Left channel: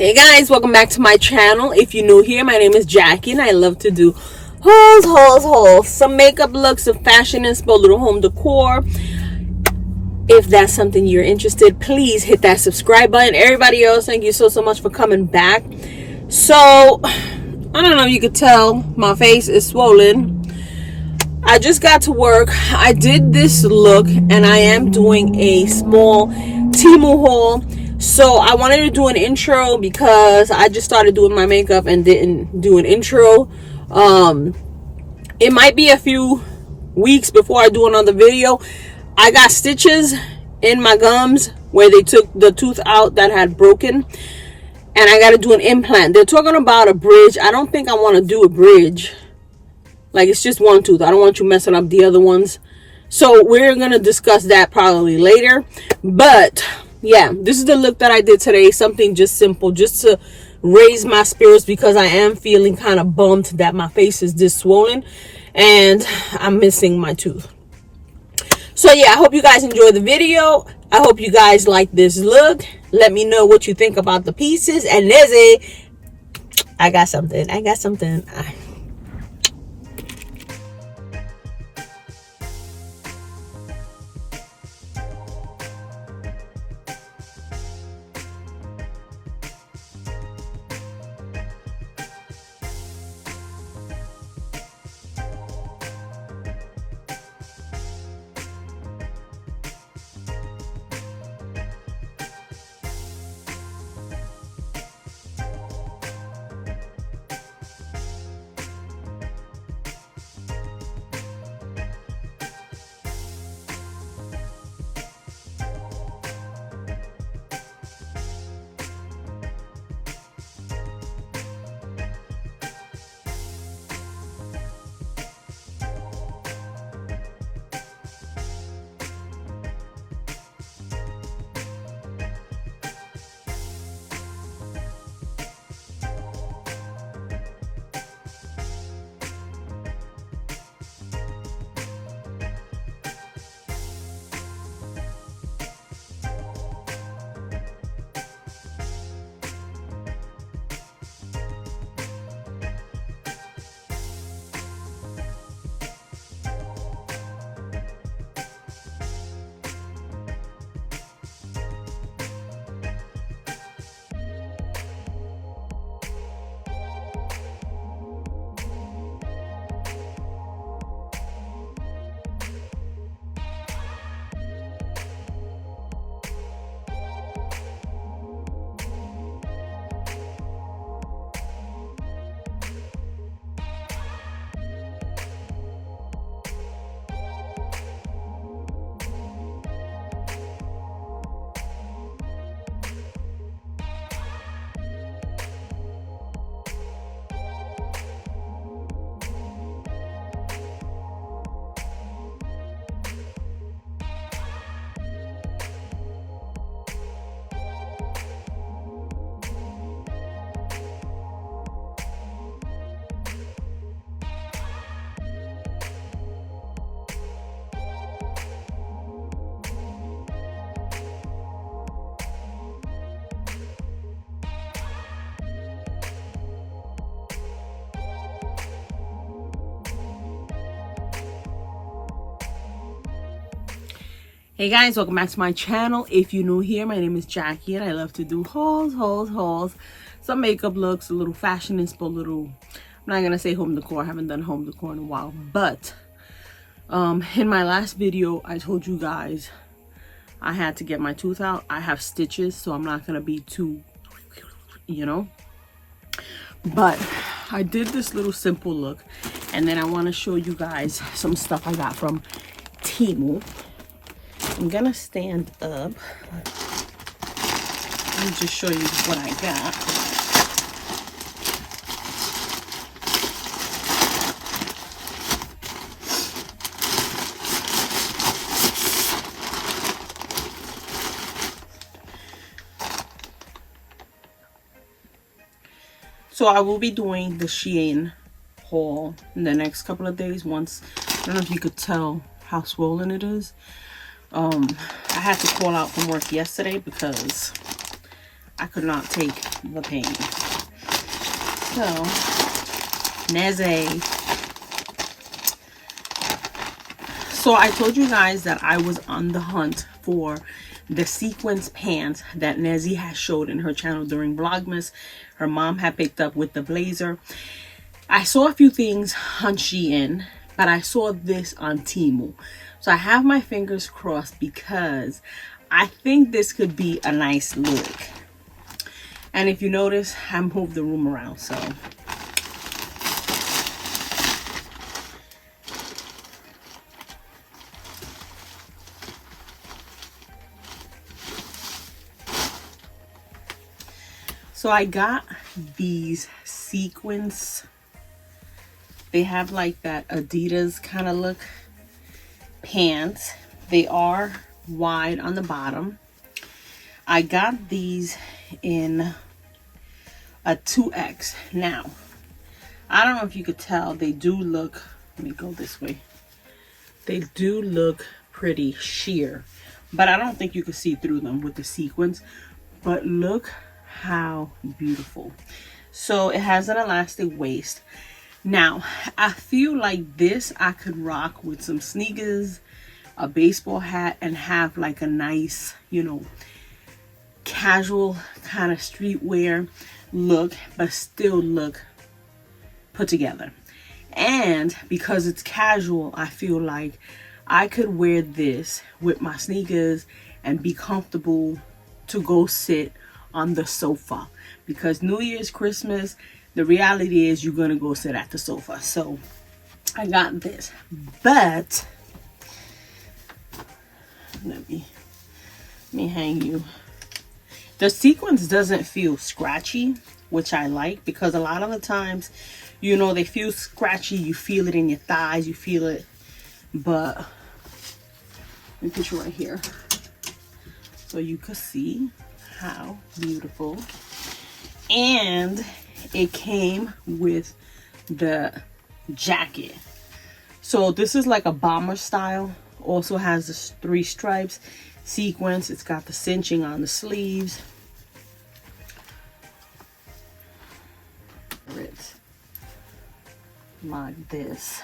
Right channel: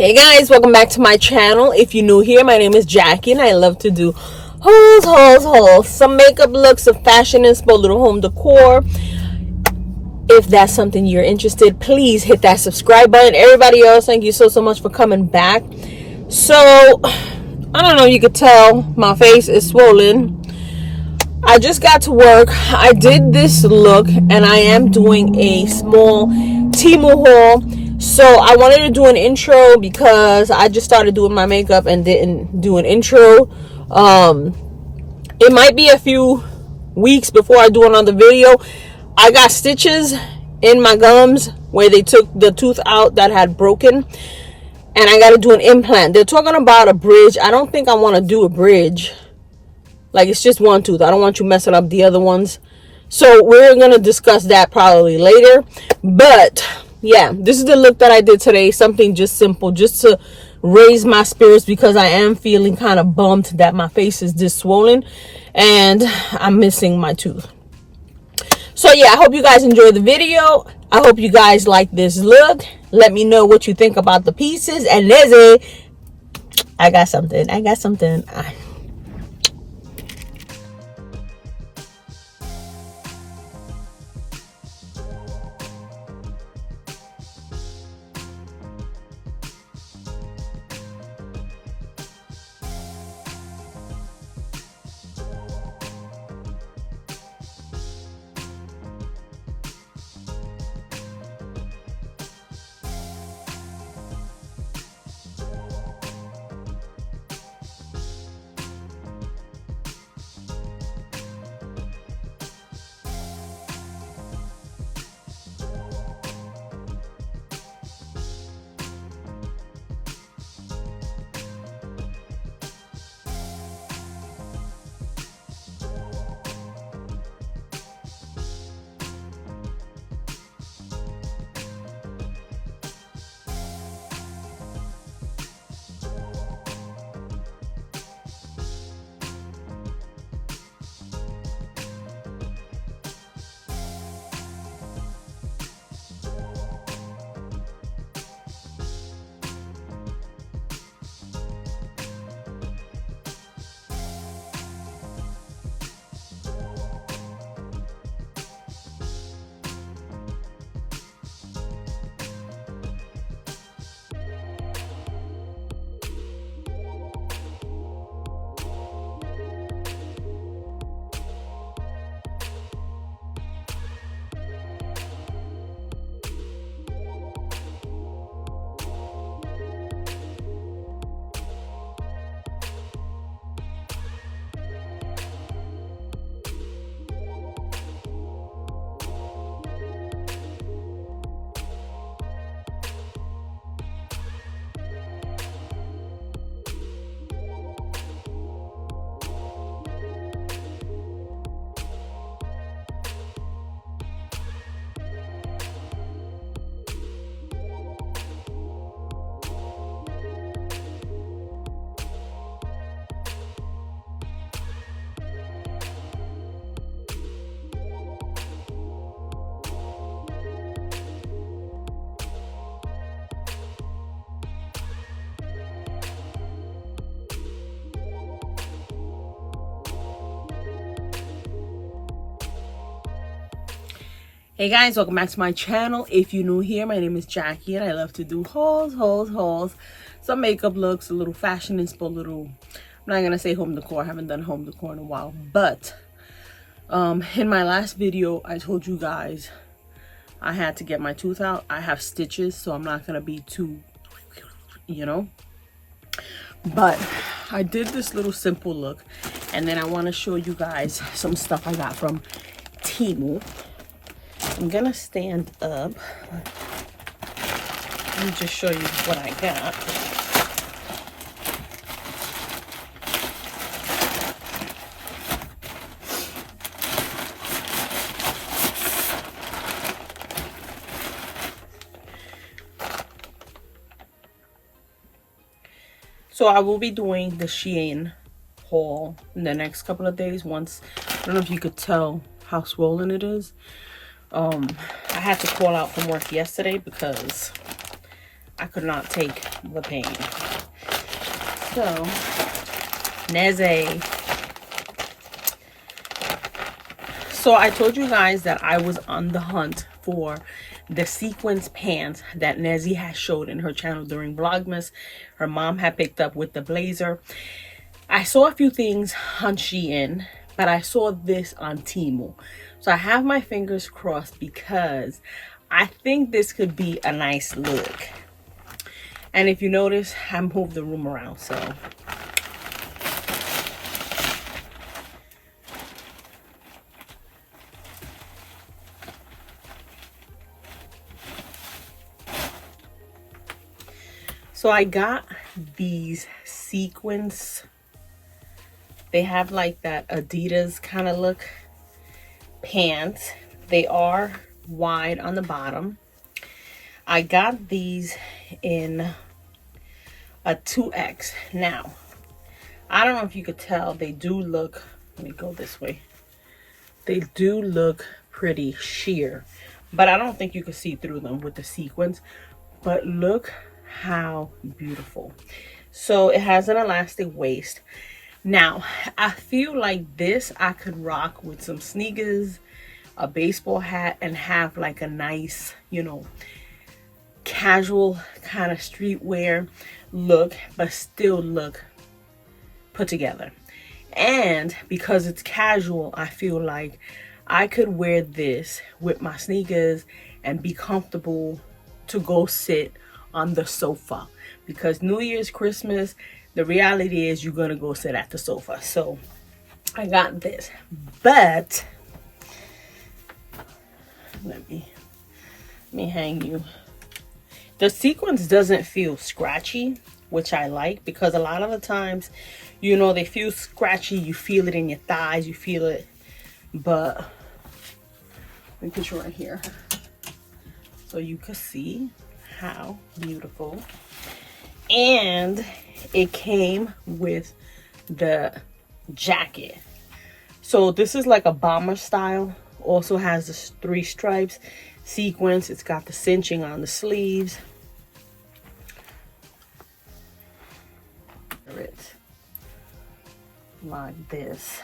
Hey guys, welcome back to my channel. If you're new here, my name is Jackie and I love to do hauls, some makeup looks, some fashion inspo, little home decor. If that's something you're interested, please hit that subscribe button. Everybody else, thank you so much for coming back. So I don't know if you could tell, my face is swollen. I just got to work. I did this look and I am doing a small TEMU haul. So I wanted to do an intro because I just started doing my makeup and didn't do an intro. It might be a few weeks before I do another video. I got stitches in my gums where they took the tooth out that had broken, and I got to do an implant. They're talking about a bridge. I don't think I want to do a bridge. Like, it's just one tooth. I don't want you messing up the other ones. So we're going to discuss that probably later. But yeah, this is the look that I did today. Something just simple, just to raise my spirits, because I am feeling kind of bummed that my face is this swollen and I'm missing my tooth. So yeah, I hope you guys enjoy the video. I hope you guys like this look. Let me know what you think about the pieces. And Lizzie, I got something. Hey guys, welcome back to my channel. If you're new here, my name is Jackie and I love to do hauls, some makeup looks, a little fashion inspo, I'm not gonna say home decor. I haven't done home decor in a while, but in my last video I told you guys I had to get my tooth out. I have stitches, so I'm not gonna be too, but I did this little simple look, and then I want to show you guys some stuff I got from TEMU. I'm gonna stand up. Let me just show you what I got. So I will be doing the Shein haul in the next couple of days. Once, I don't know if you could tell how swollen it is. I had to call out from work yesterday because I could not take the pain. So, Nezzy. So I told you guys that I was on the hunt for the sequins pants that Nezzy has showed in her channel during Vlogmas. Her mom had picked up with the blazer. I saw a few things on Shein, but I saw this on TEMU. So I have my fingers crossed because I think this could be a nice look. And if you notice, I moved the room around, so. So I got these sequins. They have like that Adidas kind of look pants. They are wide on the bottom. I got these in a 2X. Now, I don't know if you could tell, they do look, let me go this way. They do look pretty sheer, but I don't think you could see through them with the sequins. But look how beautiful. So it has an elastic waist. Now, I feel like this I could rock with some sneakers, a baseball hat, and have like a nice, you know, casual kind of streetwear look, but still look put together. And because it's casual, I feel like I could wear this with my sneakers and be comfortable to go sit on the sofa. Because New Year's, Christmas, the reality is you're gonna go sit at the sofa. So I got this, but let me hang you. The sequins doesn't feel scratchy, which I like, because a lot of the times, you know, they feel scratchy. You feel it in your thighs, you feel it. But let me put you right here so you can see how beautiful. And it came with the jacket. So this is like a bomber style. Also has the 3 stripes, sequins. It's got the cinching on the sleeves. It's like this.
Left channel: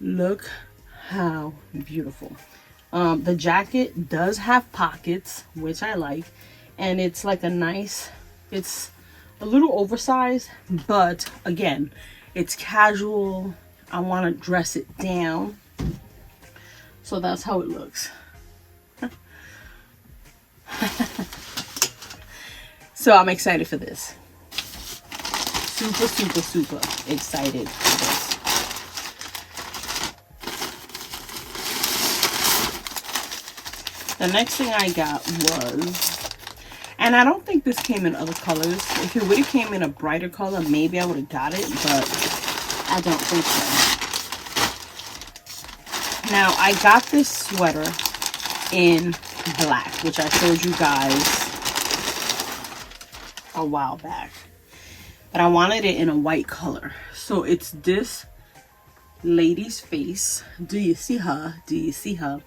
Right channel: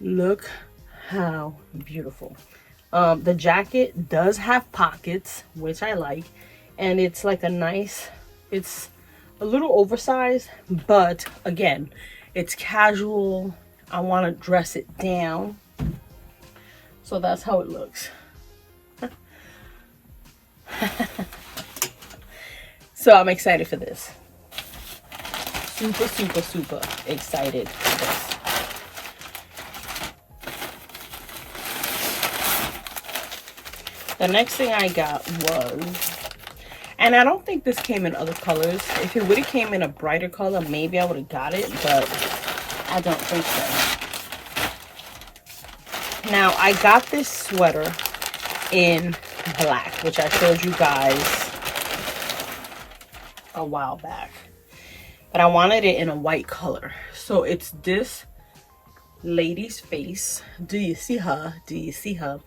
Look how beautiful. The jacket does have pockets, which I like, and it's like a nice, it's a little oversized, but again, it's casual. I want to dress it down, so that's how it looks. So I'm excited for this. Super, super, super excited for this. The next thing I got was, and I don't think this came in other colors. If it would have came in a brighter color, maybe I would have got it, but I don't think so. Now, I got this sweater in black, which I showed you guys a while back. But I wanted it in a white color. So it's this lady's face. Do you see her? Do you see her?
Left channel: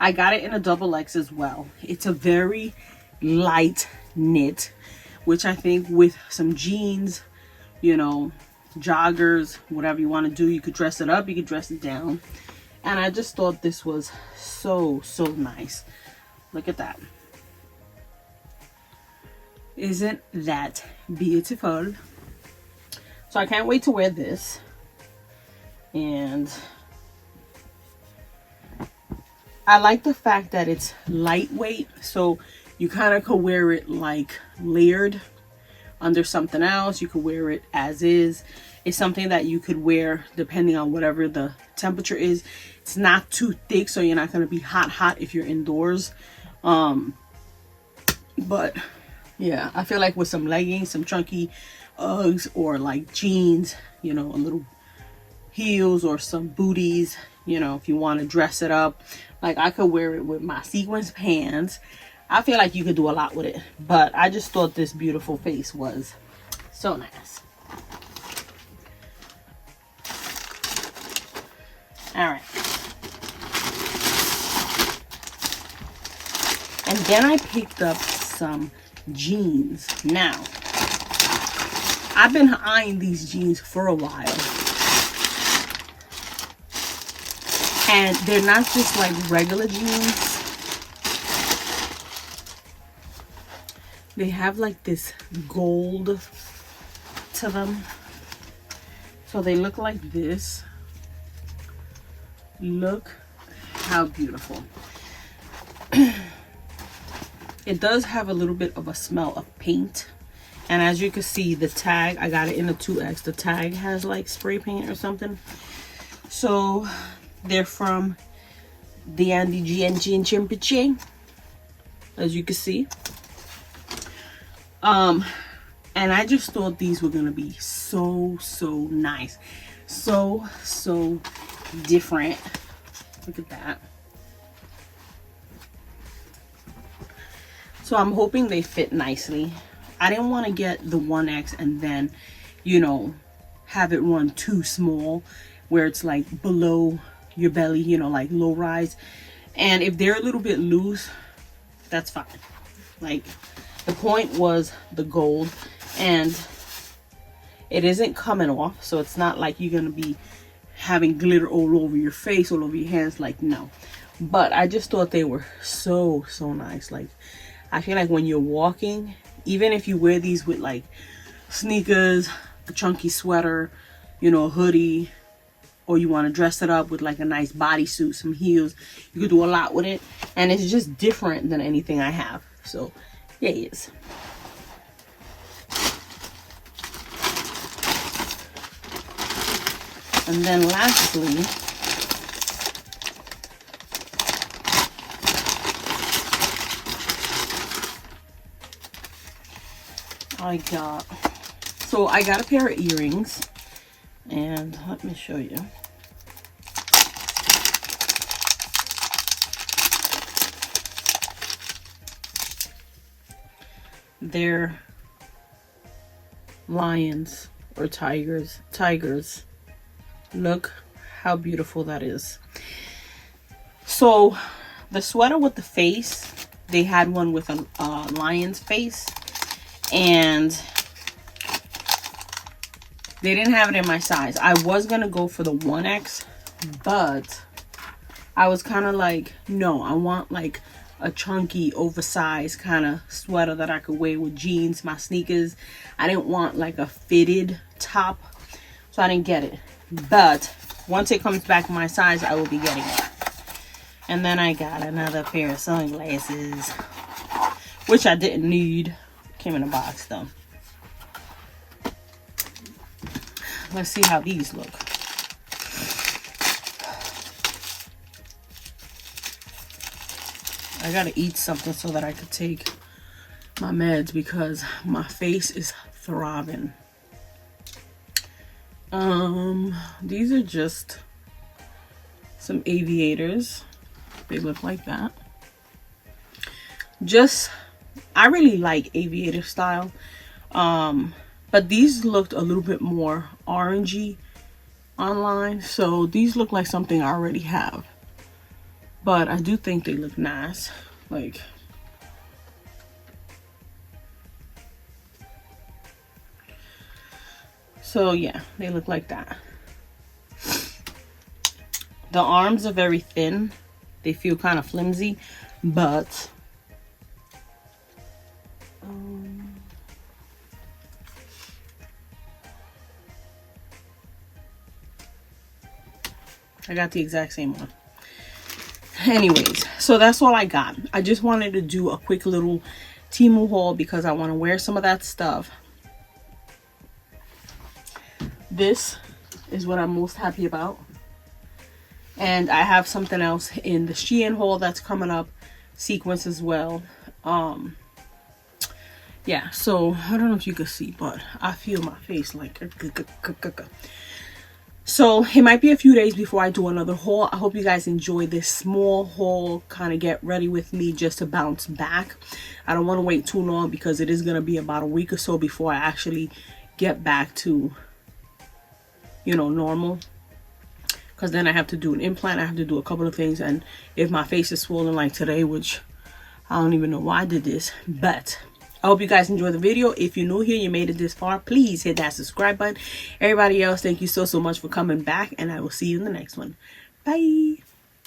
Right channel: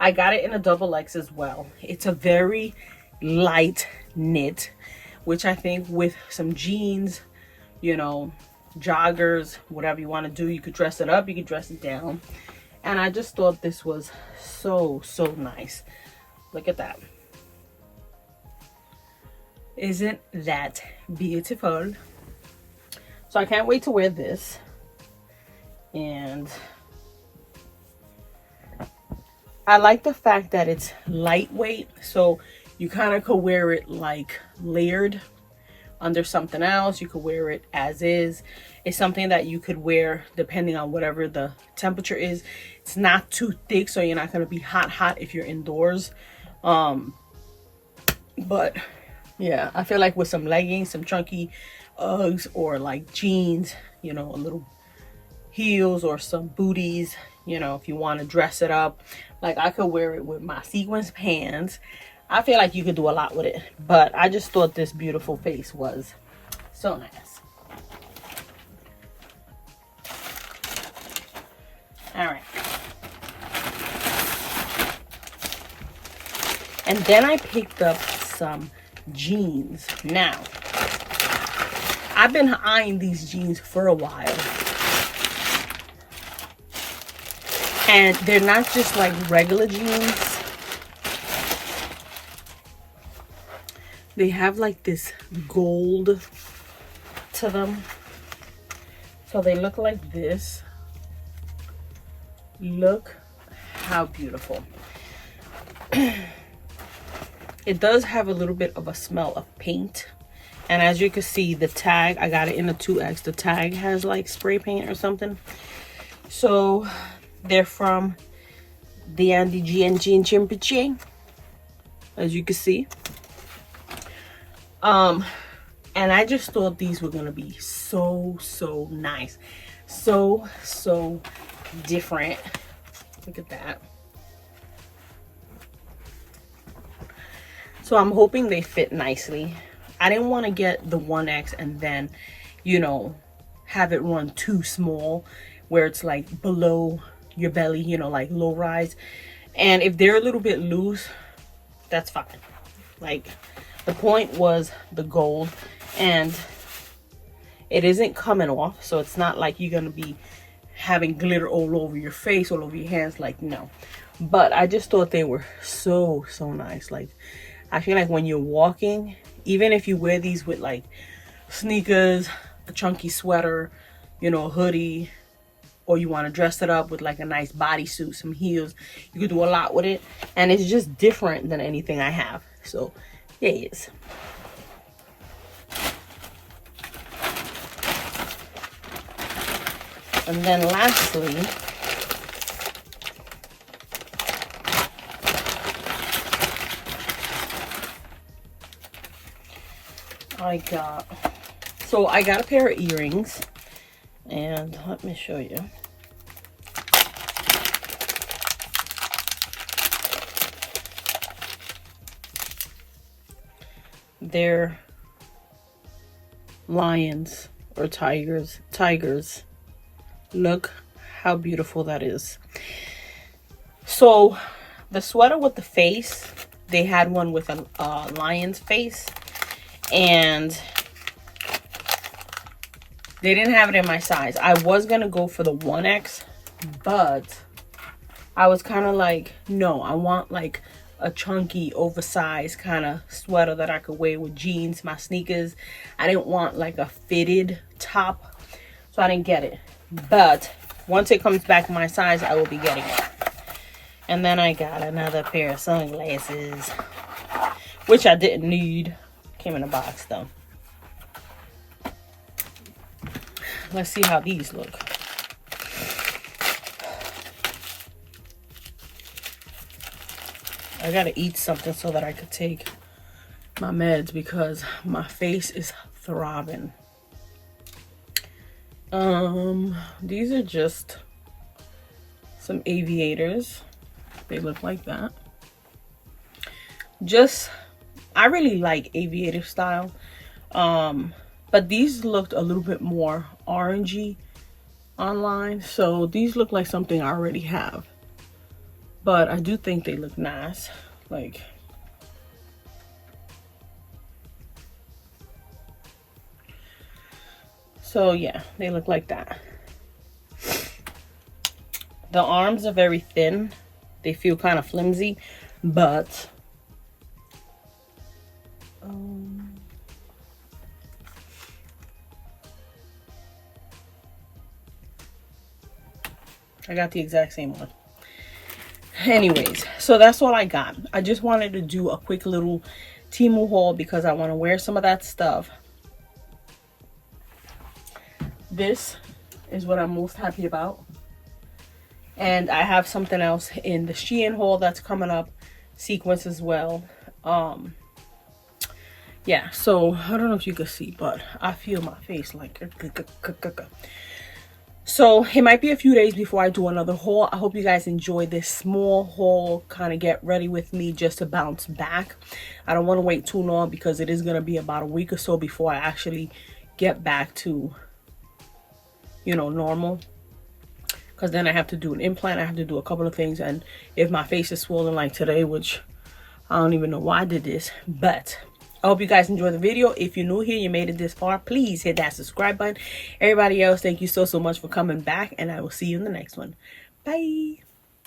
I got it in a XX as well. It's a very light knit, which I think with some jeans, you know, joggers, whatever you want to do, you could dress it up, you could dress it down. And I just thought this was so, so nice. Look at that. Isn't that beautiful? So I can't wait to wear this. And I like the fact that it's lightweight, so you kind of could wear it like layered under something else. You could wear it as is. It's something that you could wear depending on whatever the temperature is. It's not too thick, so you're not going to be hot if you're indoors. But yeah, I feel like with some leggings, some chunky Uggs, or like jeans, you know, a little heels or some booties, you know, if you want to dress it up, like I could wear it with my sequins pants. I feel like you could do a lot with it, but I just thought this beautiful face was so nice. All right. And then I picked up some jeans. Now, I've been eyeing these jeans for a while. And they're not just like regular jeans. They have like this gold to them. So they look like this. Look how beautiful. It does have a little bit of a smell of paint. And as you can see, the tag, I got it in a 2X. The tag has like spray paint or something. So they're from the Andy G and G and Chimpiche, as you can see. And I just thought these were gonna be so nice, so different. Look at that. So I'm hoping they fit nicely. I didn't want to get the 1X and then, you know, have it run too small where it's like below your belly, you know, like low rise. And if they're a little bit loose, that's fine. Like, the point was the gold, and it isn't coming off, so it's not like you're gonna be having glitter all over your face, all over your hands. Like, no. But I just thought they were so nice. Like, I feel like when you're walking, even if you wear these with like sneakers, a chunky sweater, you know, a hoodie, or you want to dress it up with like a nice bodysuit, some heels, you could do a lot with it. And it's just different than anything I have. So yes. And then lastly, I got a pair of earrings, and let me show you. They're lions or tigers. Look how beautiful that is. So the sweater with the face, they had one with a lion's face, and they didn't have it in my size. I was gonna go for the 1X, but I was kind of like, no, I want like a chunky, oversized kind of sweater that I could wear with jeans, my sneakers. I didn't want like a fitted top, so I didn't get it. But once it comes back my size, I will be getting it. And then I got another pair of sunglasses, which I didn't need. Came in a box though. Let's see how these look. I gotta eat something so that I could take my meds because my face is throbbing. These are just some aviators. They look like that. I really like aviator style. But these looked a little bit more orangey online. So these look like something I already have. But I do think they look nice. Like, so yeah, they look like that. The arms are very thin. They feel kind of flimsy, but I got the exact same one. Anyways, so that's all I got. I just wanted to do a quick little TEMU haul because I want to wear some of that stuff. This is what I'm most happy about. And I have something else in the Shein haul that's coming up. Sequins as well. Yeah, so I don't know if you can see, but I feel my face like... So it might be a few days before I do another haul. I hope you guys enjoy this small haul. Kind of get ready with me just to bounce back. I don't want to wait too long because it is going to be about a week or so before I actually get back to, you know, normal. Because then I have to do an implant. I have to do a couple of things. And if my face is swollen like today, which I don't even know why I did this, but I hope you guys enjoyed the video. If you're new here, you made it this far, please hit that subscribe button. Everybody else, thank you so much for coming back, and I will see you in the next one. Bye.